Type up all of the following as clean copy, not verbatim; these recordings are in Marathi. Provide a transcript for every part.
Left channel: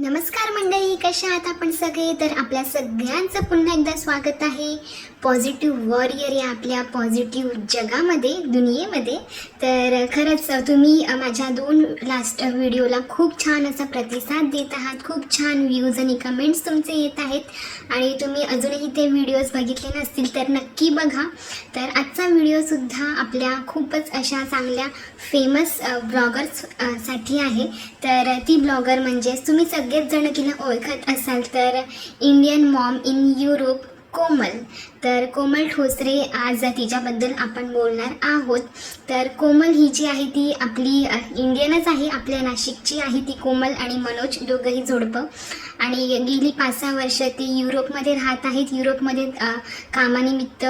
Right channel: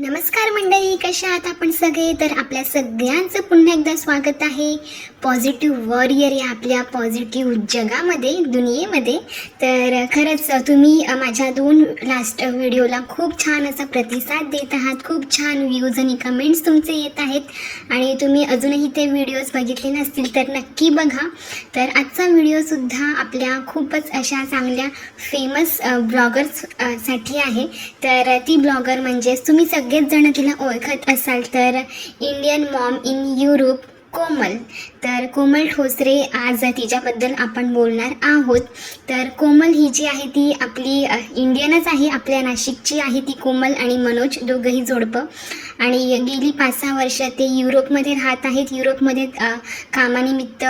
नमस्कार मंडळी, कशा आहात आपण सगळे? तर आपल्या सगळ्यांचं पुन्हा एकदा स्वागत आहे पॉझिटिव्ह वॉरियर या आपल्या पॉझिटिव्ह जगामध्ये, दुनियेमध्ये. तर खरंच तुम्ही माझ्या 2 लास्ट व्हिडिओला खूप छान असा प्रतिसाद देत आहात. खूप छान व्ह्यूज आणि कमेंट्स तुमचे येत आहेत आणि तुम्ही अजूनही ते व्हिडिओज बघितले नसतील तर नक्की बघा. तर आजचा व्हिडिओसुद्धा आपल्या खूपच अशा चांगल्या फेमस ब्लॉगर्स साठी आहे. तर ती ब्लॉगर म्हणजे तुम्ही सगळेच जण तिला ओळखत असाल तर इंडियन मॉम इन युरोप कोमल. तर कोमल ठोसरे आज तिच्याबद्दल आपण बोलणार आहोत. तर कोमल ही जी आहे ती आपली इंडियनच आहे, आपल्या नाशिकची आहे ती कोमल आणि मनोज, दोघंही जोडपं. आणि गेली 5-6 वर्ष ते युरोपमध्ये राहत आहेत. युरोपमध्ये कामानिमित्त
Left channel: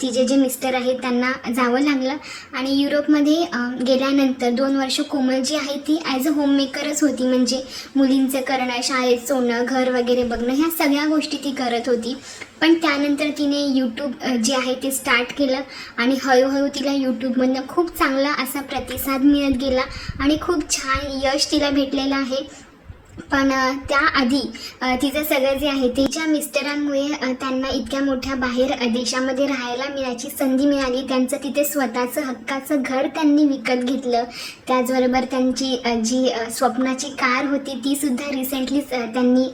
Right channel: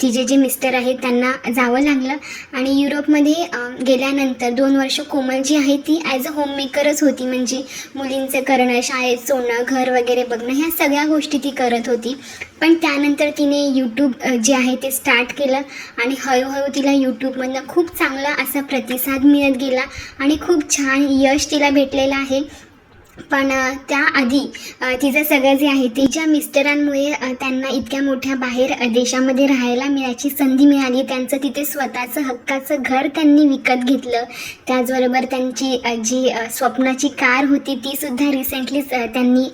तिचे जे मिस्टर आहेत त्यांना जावं लागलं आणि युरोपमध्ये गेल्यानंतर 2 वर्ष कोमल जी आहे ती ॲज अ होममेकरच होती. म्हणजे मुलींचं करणं, शाळेत सोडणं, घर वगैरे बघणं, ह्या सगळ्या गोष्टी ती करत होती. पण त्यानंतर तिने यूट्यूब जे आहे ते स्टार्ट केलं आणि हळूहळू तिला यूट्यूबमधनं खूप चांगला असा प्रतिसाद मिळत गेला आणि खूप छान यश तिला भेटलेलं आहे. पण त्याआधी तिचं सगळं जे आहे ते ज्या मिस्टरांमुळे त्यांना इतक्या मोठ्या बाहेर देशामध्ये राहायला मिळायची संधी मिळाली, त्यांचं तिथे स्वतःचं हक्काचं घर त्यांनी विकत घेतलं. त्याचबरोबर त्यांची जी स्वप्नाची कार होती तीसुद्धा रिसेंटलीच त्यांनी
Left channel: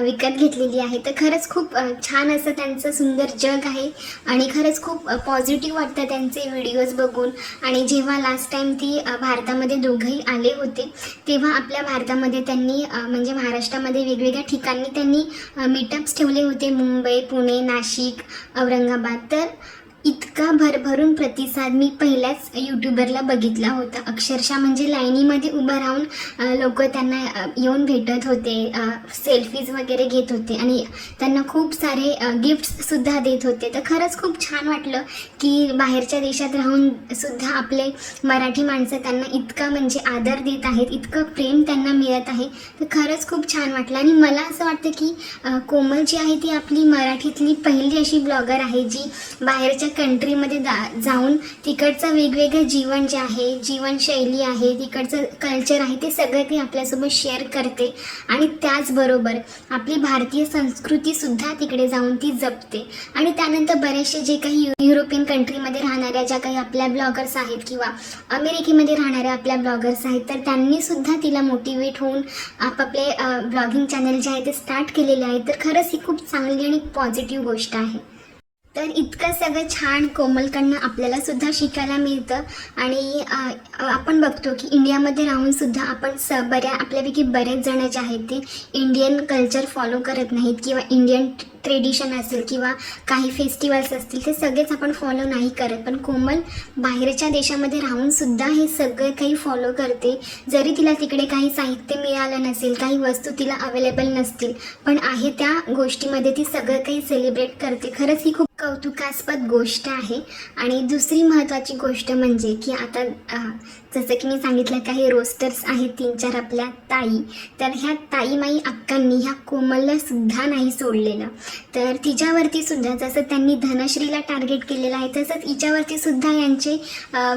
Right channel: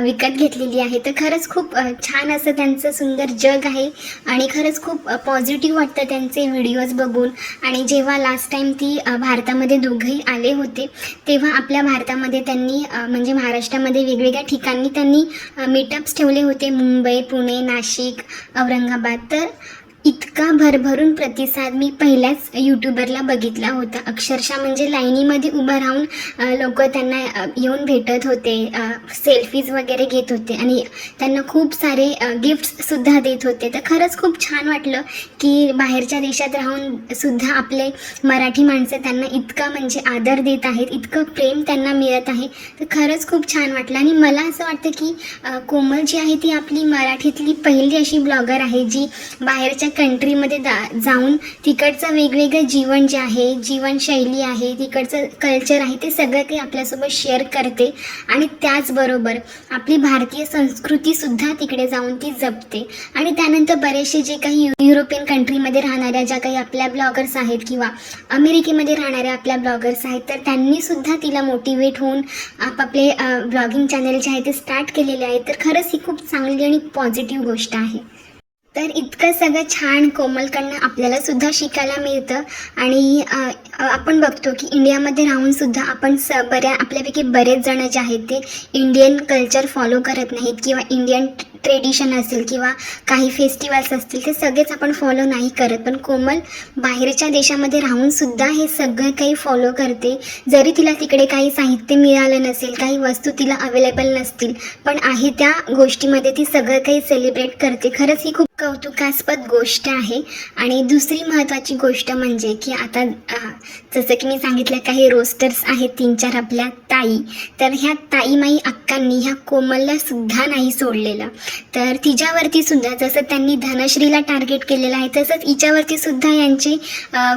विकत घेतलेली आहे. तर खरंच खूप छान असं त्यांचं सुंदर जग आहे आणि खरंच खूप पॉझिटिव्ह वाटतं त्यांचे व्हिडिओज बघून. आणि जेव्हा लास्ट टाईम ती भारतामध्ये दोघंही आले होते तेव्हा आपल्या भारतामध्ये त्यांनी म्हणजे महाराष्ट्रामध्ये वेगवेगळ्या ठिकाणी त्यांनी मीटअप्स ठेवले होते, मुंबई, पुणे, नाशिक, औरंगाबाद. तर इतका भरभरून प्रतिसाद मी पहिल्याच यूट्यूबरला बघितला होता. अक्षरशः म्हणजे लाईनीमध्ये उभं राहून लोक त्यांना येऊन भेटत होते, सेल्फीज वगैरे घेत होते आणि त्यांना खूप सारे गिफ्ट्ससुद्धा देत होते. तर खरंच खूप छान वाटलं की बाहेरच्या देशात राहून सुद्धा आपले मराठी माणसं त्यांना इतका म्हणजे आदर देत आहेत, इतकं प्रेम त्यांना मिळत आहे. तर खरंच खूप छान वाटलं आणि मला असं वाटतं की कोमल जी आहे ती आपली मराठीतली पहिली अशी ब्लॉगर आहे जी बाहेरच्या कंट्रीमध्ये जाऊन तिकडचं वेगवेगळं जीवन जे आहे, जीवनशैली आहे, तिकडचं कल्चर आहे, ते सगळं काही आपल्यासोबत शेअर करते आणि त्याचबरोबर आपली भारतीय संस्कृतीसुद्धा तिकडे जाऊन ती जपते. आणि त्यानंतर बरेचसे जे काही युरोपियन कंट्रीमध्ये राहणाऱ्या ज्या काही आपल्या ब्लॉगर्स आहेत किंवा अमेरिकेमध्ये राहणाऱ्या आपल्या ब्लॉगर्स आहेत तर त्यांनीसुद्धा तिला मोटिवेट होऊन आपापले ब्लॉगिंग चॅनल जे आहे ते स्टार्ट केलेले आहे. तर खरंच ही खूप चांगली आणि पॉझिटिव्ह गोष्ट आहे. तर इतकं सगळं छान कोमलकडनं आपल्याला सुद्धा शिकायला मिळतं. आणि आपण बघतो की इंडियामध्ये राहूनसुद्धा आपण आपल्यापैकी बरेच जण जे आहेत ते इंडियन कल्चर फॉलो करत नाहीत किंवा इंडियन ट्रेडिशन असेल किंवा काही फेस्टिवल्स असतील ते सगळेच आपण फॉलो नाही करत. पण कोमल बाहेरच्या देशामध्ये राहूनसुद्धा हे सगळं काही फॉलो करते. जरी तिला तिकडे काही साहित्य मिळालं नसेल, काही वस्तू तिला अवेलेबल नसतील, पण आहे त्या गोष्टीमध्ये ती सगळं काही सेलिब्रेट करते. खरंच ही खूप कौतुकास्पद गोष्ट आहे. आणि दुसरी महत्त्वाची गोष्ट म्हणजे की आता जसं की मी सांगितलं काही रोस्टर्स आहेत 3-4 आपल्या ताई. तर ह्या ताईमाई अक्कांनी ह्या कोमलला सुद्धा नाही सोडलेलं. तर तिच्यावरती सुद्धा जसं त्यांनी धनश्रीला टार्गेट केलेलं आहे तसंच हिच्यावरती सुद्धा यांचे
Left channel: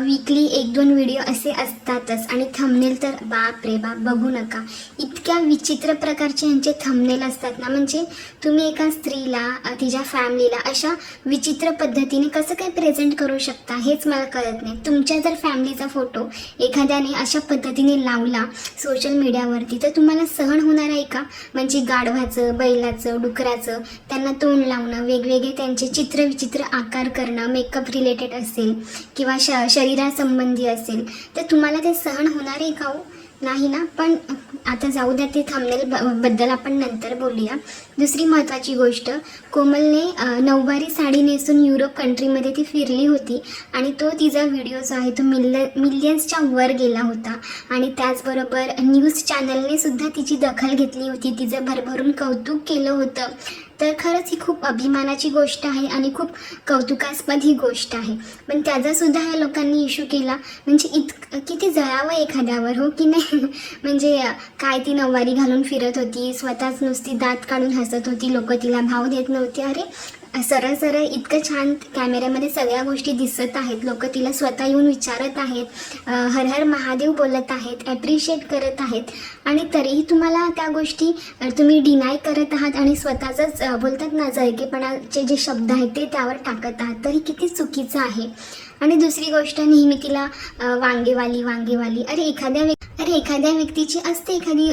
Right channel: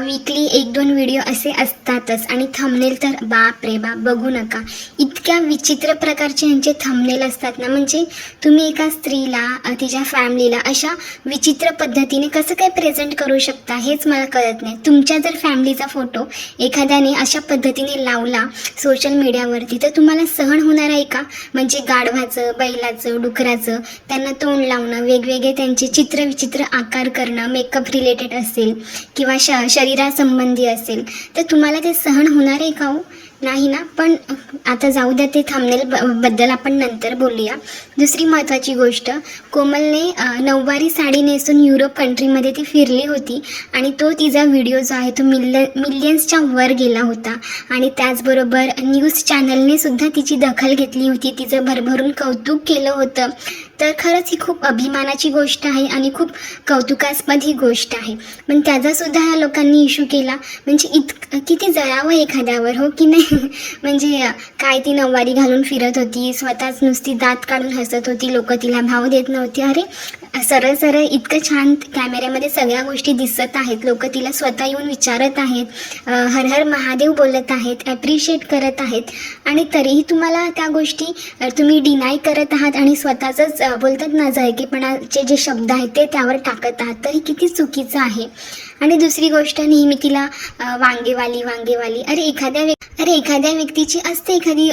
वीकली 1-2 व्हिडिओ असे असतातच. आणि थंबनेल तर बाप रे बाप बघू नका, इतक्या विचित्र प्रकारचे यांचे थंबनेल असतात ना. म्हणजे तुम्ही एका स्त्रीला, तिच्या फॅमिलीला अशा विचित्र पद्धतीने कसं काय प्रेझेंट करू शकता हेच मला कळत नाही. तुमच्या जर फॅमिलीचा फोटो एखाद्याने अशा पद्धतीने लावला सोशल मीडियावरती तर तुम्हाला सहन होणार आहे का? म्हणजे गाढवाचं, बैलाचं, डुकराचं त्यांना तोंड लावणं, वेगवेगळे त्यांचे चित्रविचित्र आकार करणं, मेकअप रिलेटेड असेल किंवा शरीरासंबंधी असेल तर तुम्हाला ते सहन होणार आहे का हो? नाही ना. पण आता जाऊ द्या, ते थंबनेल बद्दल आपण नंतर बोलूया. दुसरी महत्त्वाची गोष्ट, कोमलने नऊवारी साडी नेसून युरोप कंट्रीमध्ये ती फिरली होती आणि तो तिचा व्हिडिओ जो आहे तो मिलियन्सच्या वर गेला होता. आणि त्याचबरोबर न्यूज चॅनलने सुद्धा तिची दखल घेतली होती, तिचं भरभरून कौतुक केलं होतं. तर खरंच ही खूप अभिमानाची गोष्ट आहे आणि खूप कौतुकास्पद ही गोष्ट आहे. पण त्याचासुद्धा ह्या लोकांनी इश्यू केला. म्हणजे किती जळावं एखाद्यावर, हो की नाही? म्हणजे काय ती नऊवारी घालून फिरत होती, स्वतःच नुसती दात काढून हसत होती, लोक तिला भाव देत नव्हती. अरे सरळ सरळ इतकं छान कॅमेऱ्यामध्ये सगळ्या गोष्टी दिसत आहेत, लोक तिला स्वतः येऊन विचारत आहेत, हर हर महादेव बोलत आहेत, ॲप्रिशिएट करत आहेत, आणि तरीही तुम्हाला त्या गोष्टी तुम्ही डिनाय करत आहात आणि स्वतःचंच बोलतात ना झळकेपणाचे जे शब्द आहेत ते त्यावर टाकत आहात, तर हे किती चुकीचं आहे. आणि दुसरी गोष्ट, नेहमी तिला वांगेवाली वांगेवाली. अरे एखाद्या व्यक्तीची असते एखादी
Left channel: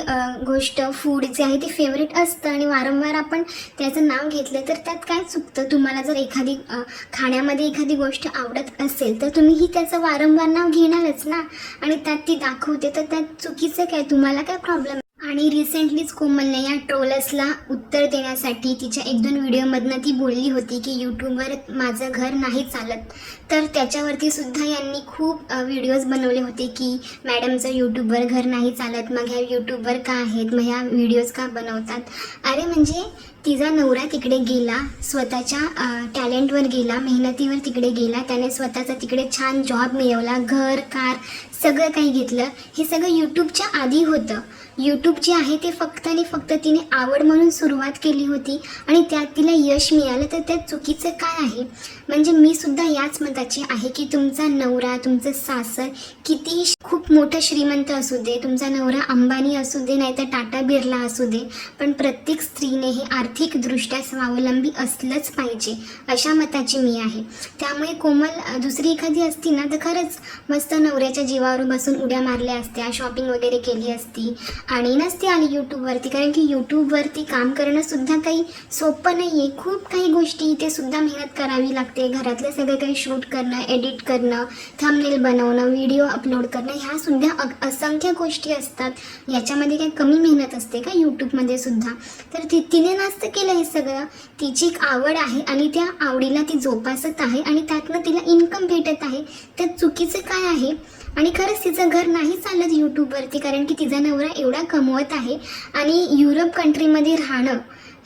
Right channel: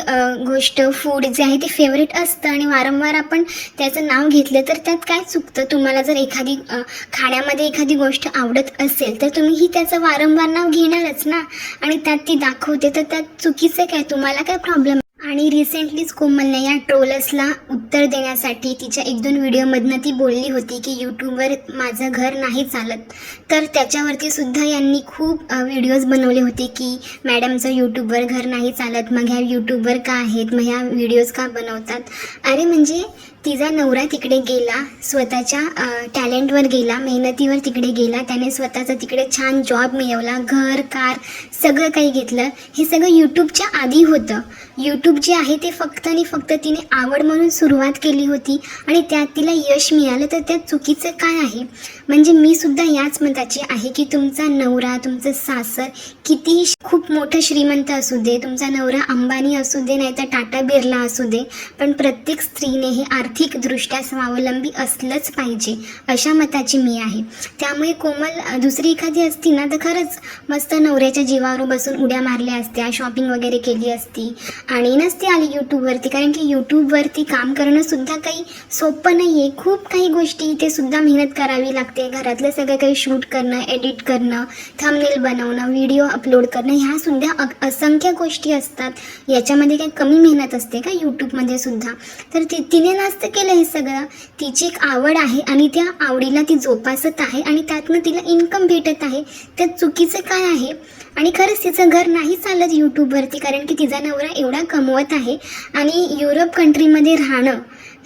गोष्ट, फूड जे आहे ते फेवरेट असतं आणि वारंवार आपण त्याचं नाव घेतलं तर त्यात काय चुकतं. तुम्हाला जर एखादी खाण्यामध्ये एखादी गोष्ट आवडत असेल तर तुम्हीही त्याचं वारंवार नाव घेणारच ना, आणि त्यात ती दाखवते तर त्यात चुकीचं काय, तुम्हाला काय प्रॉब्लेम. आणि रिसेंटलीच कोमलने या ट्रोलर्सला उत्तर देण्यासाठी तिच्या 1-2 व्हिडिओमधनं ती बोलली होती की यूट्यूबवर माझं घर नाही चालत. तर त्याच्यावरती सुद्धा यांनी खूप व्हिडिओज बनवले होते की मॅडमचं यूट्यूबवर घर नाही चालत, मग ह्या यूट्यूबवर का आहेत, मग ह्या व्हिडिओज का बनवतात. अरे म्हणजे तिचा नवरा तिकडे गेला, स्वतःच्या टॅलेंटवर गेला, मेहनतीवर तिकडे गेला, त्याने स्वतःचा तिकडे छान जॉब मिळवला, घर कार सगळं काही घेतलं. हे सगळं यूट्यूबच्या आधी होतं. यूट्यूब जे आहे ते फक्त आणि फक्त तिने आवड म्हणून सुरुवात केली होती आणि त्यात तिला यश मिळालं, तर त्यात चुकीचं काय आहे. म्हणजे मी सुद्धा याच मताची आहे की तुमचा नवरा, तुमचं सासर किती खूप मोठं श्रीमंत असू दे, तुमचा नवरा अंबानी असू दे नाही तर टाटा बिर्ला असू दे, पण प्रत्येक स्त्रीने हे आर्थिकदृष्ट्या स्वावलंबी असलंच पाहिजे, अशा मताची मी आहे. त्यामुळे कोमल दुसरी एखादी असती ना तर खरंच मस्त नवऱ्याच्या जीवावर बसून उड्या मारल्या असत्या, शॉपिंग वगैरे केली असती आणि नसती आली यूट्यूबवरती. कारण की यूट्यूबवरती काम करणं सुद्धा काही सोपं नाही आहे. खूप काही गोष्टी इथे सुद्धा मेहनत करावी लागते. घरातलं सगळं काही शूट करणं, एडिट करणं, थंबनेल बनवणं, व्हिडिओ अपलोड करणं, ह्या सुद्धा असंख्य गोष्टी असतात. याच्यामध्ये काही कमी मेहनत असते का यूट्यूबमध्ये सुद्धा. तर तिने नसतं केलं हे सगळं. तिची एक आवड आहे आणि त्या आवडीला ती जोपासत आहे आणि त्यातनं तिला इन्कम भेटत आहे. त्यात चुकीचं काय आहे. आणि खरंच तिचं घर नाही चालत यूट्यूबवरती, कारण की तिचा नवरा एवढा कमवत आहे. आणि युरोप कंट्रीमध्ये राहणं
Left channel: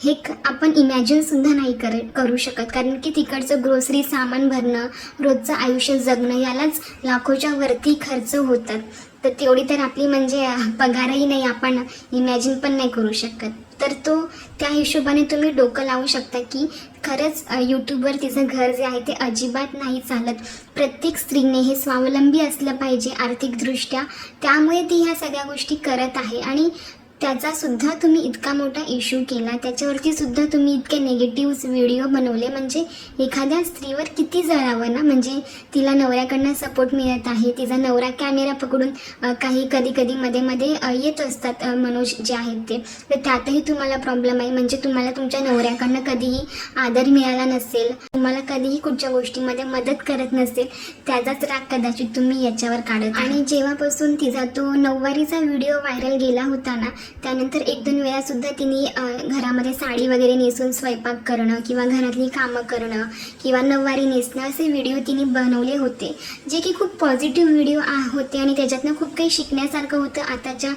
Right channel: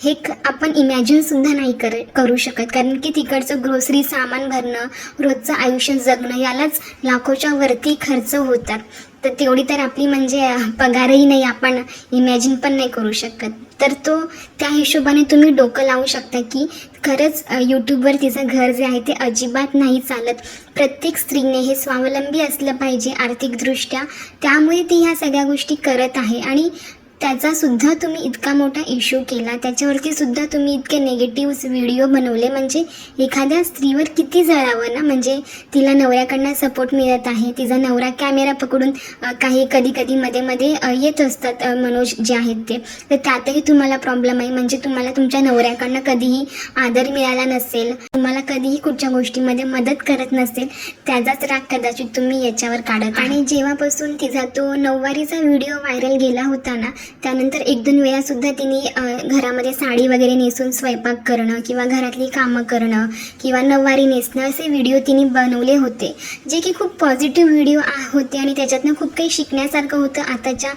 हे आपण इमॅजिनसुद्धा नाही करू शकत, कारण की तिकडचं ग्रोसरी सामान भरणं, रोजचं आयुष्य जगणं यालाच लाखोच्या वरती खर्च होतात. तर तेवढी तर आपली म्हणजे पगारही नाही, आपण इमॅजिन पण नाही करू शकत. तर त्या हिशोबाने तुम्ही डोकं लावू शकता की खरंच यूट्यूबवर तिचं घर जे आहे ते अजिबात नाही चालत. प्रत्येक स्त्रीने हे स्वावलंबी असलं पाहिजे आर्थिकदृष्ट्या, त्यामुळे ती ह्या सगळ्या गोष्टी करत आहे. आणि त्याचासुद्धा तुम्ही इतका मोठा इश्यू केला, त्याच्यावरती सुद्धा तुम्ही इतके निगेटिव्ह व्हिडिओ बनवले, म्हणजे एखाद्या स्त्रीवर किती जळावं ना. म्हणजे तिला नवऱ्याकडनं सपोर्ट मिळत आहे, तिचा नवरा कॅमेरा पकडून काही कधी मध्ये येत असतात मनोज जे आहेत ते, तर त्यातही तुम्हाला प्रॉब्लेम आहे. म्हणजे तुम्हाला तुमच्या नवऱ्याकडनं कधीही आदर मिळाला नसेल, तुम्हाला कधीही कुठच्या गोष्टीमध्ये मदत करत नसेल, त्याचाच राग कदाचित तुम्ही याच्यावर काढत. आणि जेव्हापासून तिचा तो 9वारीचा व्हिडिओ व्हायरल गेला होता ना, त्यानंतर 1-2 वेळासुद्धा तिने घरामध्ये साडी वगैरे नेसून स्वयंपाक करणं किंवा घरातली कामं करणं किंवा 9वारी नेसणं असे व्हिडिओ तिने बनवले होते, जे की खूप पॉझिटिव्ह व्हिडिओ होते आणि त्याच्यातनं खूप काही शिकण्यासारखं होतं आताच्या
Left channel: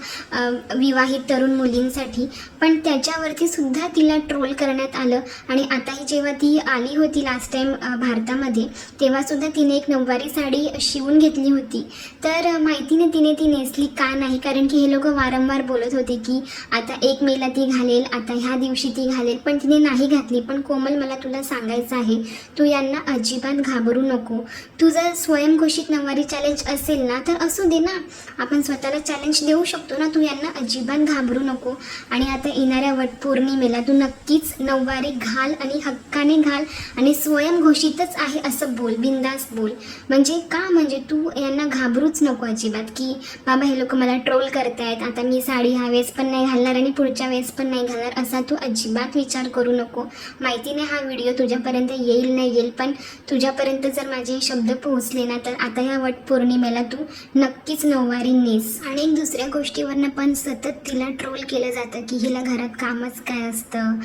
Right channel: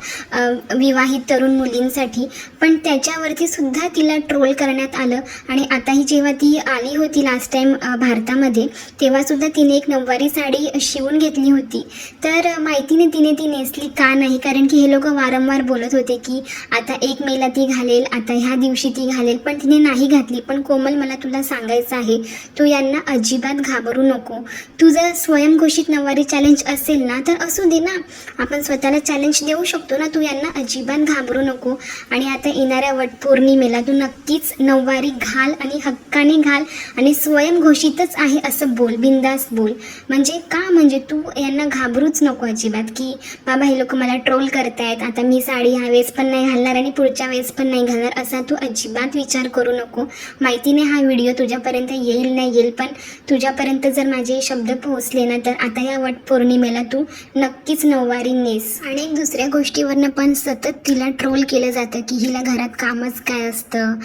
विवाहित तरुण मुलींसाठी. पण त्याच्यावरती सुद्धा तिला ट्रोल करण्यात आलं. आणि आताही जेव्हा ती आली होती लास्ट टाईम भारतामध्ये, तेव्हासुद्धा तिने एक 9वारी साडी शिवून घेतली होती. तर माहितीने तिने ती नेसली का नाही, कारण की हे लोक वारंवार बोलत होते की आता 1 मेला ती घालेल, आता ह्या दिवशी ती घालेल, पण तिने नाही घातली. पण कोमल, मला तुला सांगायचं आहे, तू यांना अजिबात घाबरू नको. तुझं स्वयंघोषित 9वारी चॅलेंज असेल ना तर असू दे ना, आपण स्वतःला चॅलेंज देऊ शकतो ना. तू यांना अजिबात घाबरू नको. आणि आता येणाऱ्या वटपौर्णिमेला तू नक्कीच 9वारी घाल आणि हक्काने घाल आणि स्वयंघोषितच आहे असं बोल, बिंदास बोल. म्हणजे का, म्हणजे तू यांना घाबरूच नको अजिबात की बाबा हे लोक मला ट्रोल करतायत, आता मी साडी ह्यावेळेस पण नाही घालणार आणि पुढच्या वेळेस पण नाही घालणार, असा तू अजिबात विचार करू नको. माहितीने हा व्हिडिओ तुझ्यापर्यंत येईल नाही येईल, पण तुझ्यापर्यंत जर माझे शब्द पोहोचले ना तर आता या वटपौर्णिमेला तू नक्कीच 9वारी नेस. आणि दुसऱ्या गोष्टीवरनं पण सतत तिला ट्रोल केलं जातं की हिला घरात कामच काय असतं,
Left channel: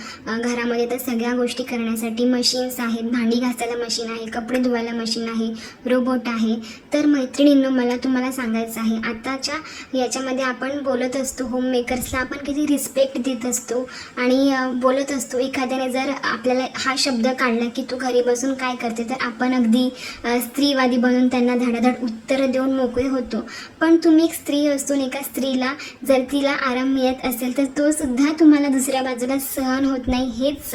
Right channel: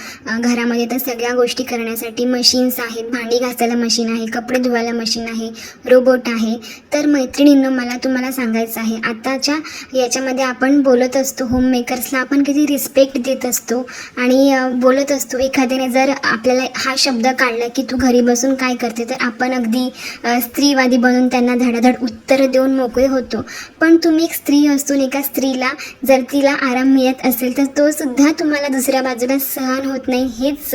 घरामध्ये तर सगळ्या गोष्टी करण्यासाठी मशीन्स आहेत, भांडी घासायला मशीन आहे, कपडे धुवायला मशीन आहे, रोबोट आहे. तर मैत्रिणींनो, मला तुम्हाला सांगायचं आहे, आताच्या याच्यामध्ये आपण बोलत असतो होममेकर वर्कर्सला आपण किती रिस्पेक्ट देत असतो आणि बोलत असतो. एखाद्याने जर आपल्याला हा शब्द काढला की तू घरी बसून काय करते, तर आपण अगदी स्त्रीवादी बनून त्यांना धडाधड उत्तरं देऊन मोकळे होतो. पण तुम्ही एक स्त्री असून एका स्त्रीला जर तिला आराम मिळत असेल तर तो सुद्धा तुम्हाला दुसऱ्या बाजूला सहन होत नाही. हेच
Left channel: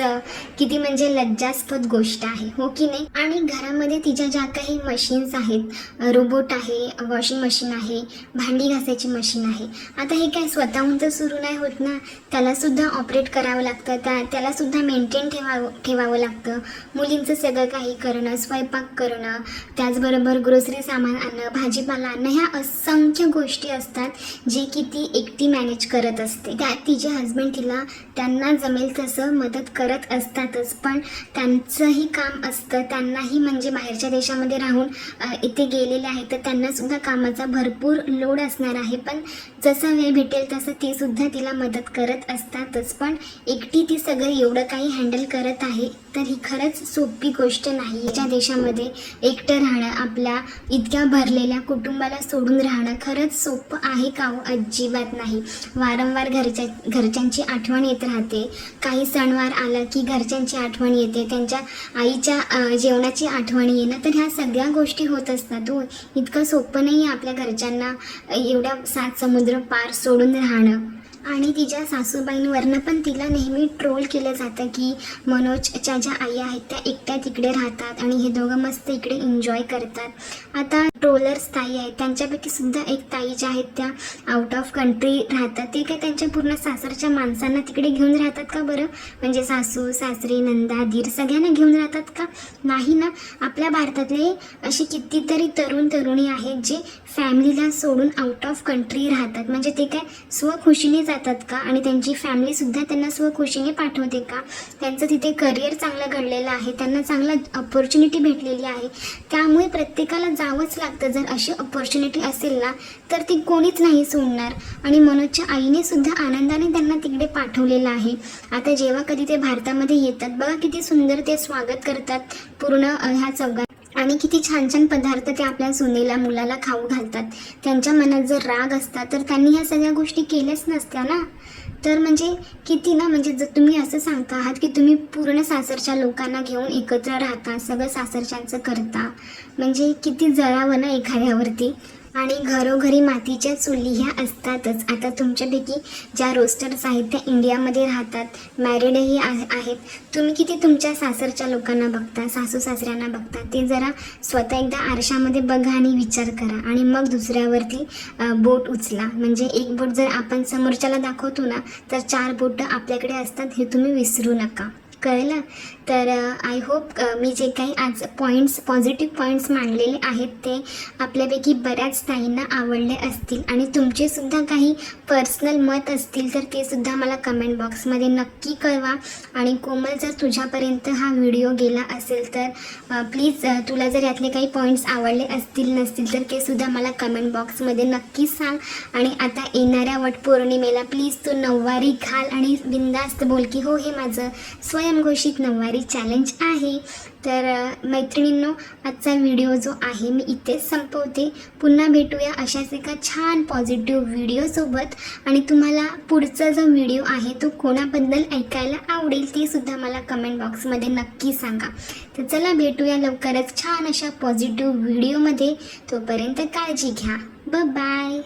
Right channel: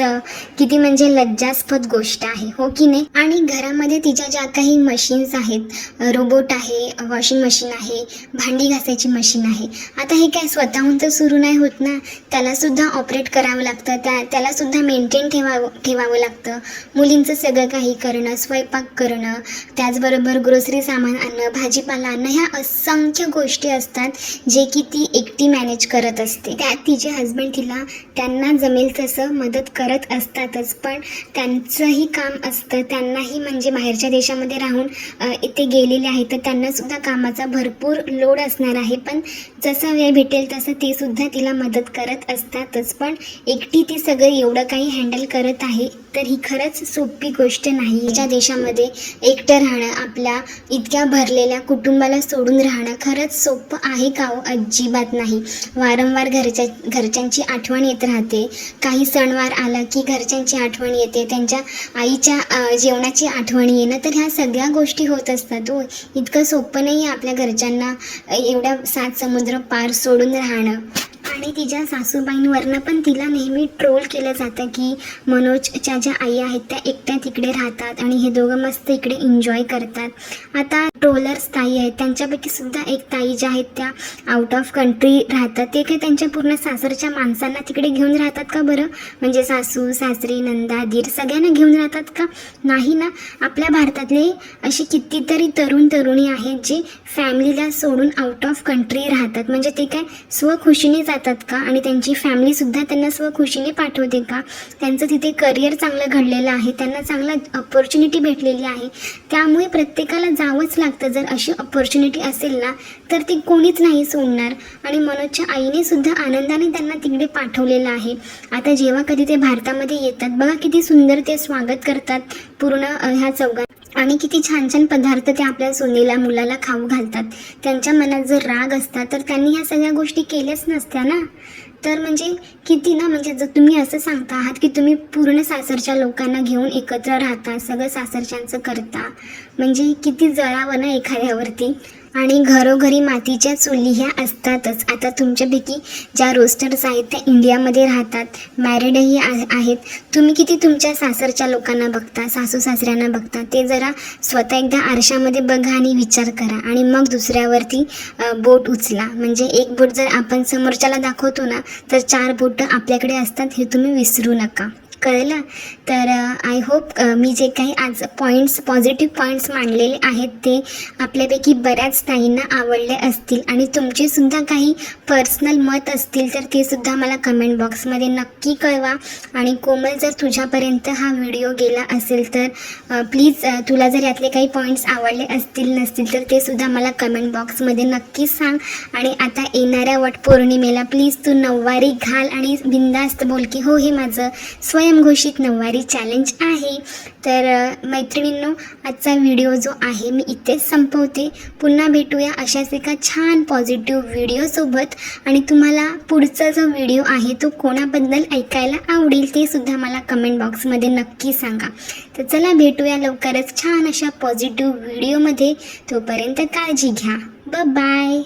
किती म्हणजे लज्जास्पद गोष्ट आहे, हो की नाही. आणि घरामध्ये तिच्या ज्या काही मशीन्स आहेत, रोबोट आहे, वॉशिंग मशीन आहे, भांडी घासायची मशीन आहे, आता हे काय स्वतःहून तर सुरू नाही होत ना. त्यालासुद्धा ऑपरेट करावं लागतं, त्यालासुद्धा मेंटेन ठेवावं लागतं. मुलींचं सगळं काही करणं, स्वयंपाक करणं, त्याचबरोबर ग्रोसरी सामान आणणं, भाजीपाला आणणं, ह्या असंख्य गोष्टी असतात जे की ती एकटी मॅनेज करत असते. त्यात तिचे हस्बंड तिला त्यांना जमेल तसं मदत करत असतातच, पण त्यांचंही काम असतं. त्यांनाही म्हणजे बाहेरच्या देशामध्ये राहून इथे गेलेले आहेत, तर त्यांनासुद्धा कामाचा भरपूर लोड असणार आहे. पण जसं वेळ भेटेल तसं ते सुद्धा तिला मदत करत असतातच. पण एकटी ती सगळं एवढं काही हँडल करत आहे, तर ही खरंच सोपी गोष्ट नाही. तिच्या देशामध्ये एकटं राहणं, आपल्या इतक्या भरलेल्या कुटुंबाला सोडून राहणं खरंच सोपं आहे का हो? अजिबात नाही. वारंवार घरच्यांची आठवण येत राहते. काही सणवार आला की घरच्यांची आठवण येते, त्यांच्या आईच्या जेवणाची आठवण येणं, तर ह्या सगळ्या गोष्टी होत असतात हो. इतकं सोपं नाही आहे आपल्या घरच्यांना एवढ्या 7 समुद्र पार सोडून राहणं. आणि तिच्या सासूबाईंवरनं पण तिला नेहमी ट्रोल केलं जातं की मनोजच्या ज्या आई आहेत त्या एकट्या तिकडे राहतात आणि हे दोघं मस्त इकडे एन्जॉय करतात. आता ट्रोलर्स ताई आहेत, त्यांच्यापैकी सुद्धा एक ताई ज्या आहेत त्या आउट ऑफ कंट्री राहतात. ते काय त्यांच्या पूर्ण सासरच्या माणसांना तिकडे घेऊन राहतात का बरं? म्हणजे सासू सासरे नंदा दीर सगळ्यांना घेऊन राहतात का? नाही ना. आपल्या भारतातले अशी कितीतरी तरुणी आहेत जे फॅमिलीला सोडून आउट ऑफ कंट्री राहतात. म्हणजे ते काय स्वखुशीने जातात का? आणि त्यांची फॅमिलीसुद्धा त्यांना स्वखुशीने पाठवते का? त्यांचं तिथे करिअर चांगलं घडलेलं आहे, त्यांना चांगला अपॉर्च्युनिटी भेटलेली आहे, त्यामुळे प्रत्येकाला जावंच लागतं. जर अशी अपॉर्च्युनिटी असेल ना तर ती कोणीच नाही सोडणार. आणि मनोजच्या आईने सुद्धा आनंदाने त्यांना तिकडे पाठवलेलं आहे. आता जेव्हा कधी ते भारतामध्ये येतात बघा किती सुंदर ते स्वागत करतात पूर्ण ह्या चौघात, आणि किती छान छान पदार्थ ते आपल्या सोनीला मुलाला खाऊ घालतात. त्यांच्या मनात जर राग असता तर त्यांनी ह्या सगळ्या गोष्टी केल्याच नसत्या ना. तर म्हणजे किती ना, म्हणजे जर तुम्ही असं सांगता आहात की तुम्ही पूर्ण सासरच्या लोकांना घेऊन एकत्र राहता, सगळं सासरच्यांचं करता, म्हणजे किती जळावं ना एखाद्यावरती. आणि घरोघरी मातीच्या चुली ह्या असतातच. आता तुमच्यापैकी ज्या रोस्टर्स आहेत त्या इंडियामध्ये राहतात, मॅरिडही आहेत. तुम्ही किती तुमच्या सासरच्या लोकांना बघता, सासू सासऱ्यांना बघता, ते जरा स्वतः एकदा आरशामध्ये बघा आणि विचार करा आणि मग दुसऱ्यावरती बोट उचला. म्हणजे एक बोट जर आपण समोरच्याला दाखवतो ना तर 4 बोटं आपल्याकडे असतात, हे तुम्ही विसरू नका. कळलं? तर आय होप मी जे काही आज पॉझिटिव्ह पॉईंट्स मांडलेले आहेत ते आपल्यापैकी बऱ्याच ताईंना आवडले असतील. आणि तुमचेसुद्धा काही पर्सनल मत असतील तर ते सुद्धा मला कमेंट बॉक्समध्ये नक्की कळवा. आणि कोमल, जर तुझ्यापर्यंत हा व्हिडिओ गेला असेल तर प्लीज तुला जर यातले काही पॉईंट्स आवडले असतील नसतील तर ते सुद्धा मला कमेंट बॉक्समध्ये नक्की सांग. आणि आता येणाऱ्या वटपौर्णिमेला प्लीज तू नऊवारी घाल आणि बिंदास्त बोल की हो हे माझं स्वयंघोषित नऊवारी चॅलेंज आहे. तर मैत्रिणींनो, आजचा व्हिडिओ जो आहे मी इथेच संपवते. पुन्हा भेटूया अशाच एका छान पॉझिटिव्ह व्हिडिओसोबत. आणि तुम्हाला पुढचा जो व्हिडिओ आहे तो कोणाबद्दल ऐकायला आवडेल ते सुद्धा मला कमेंट बॉक्समध्ये नक्की सांगा. तर चला भेटूया लवकरच छान अशा पॉझिटिव्ह व्हिडिओमध्ये. तोपर्यंत काळजी घ्या. बाय.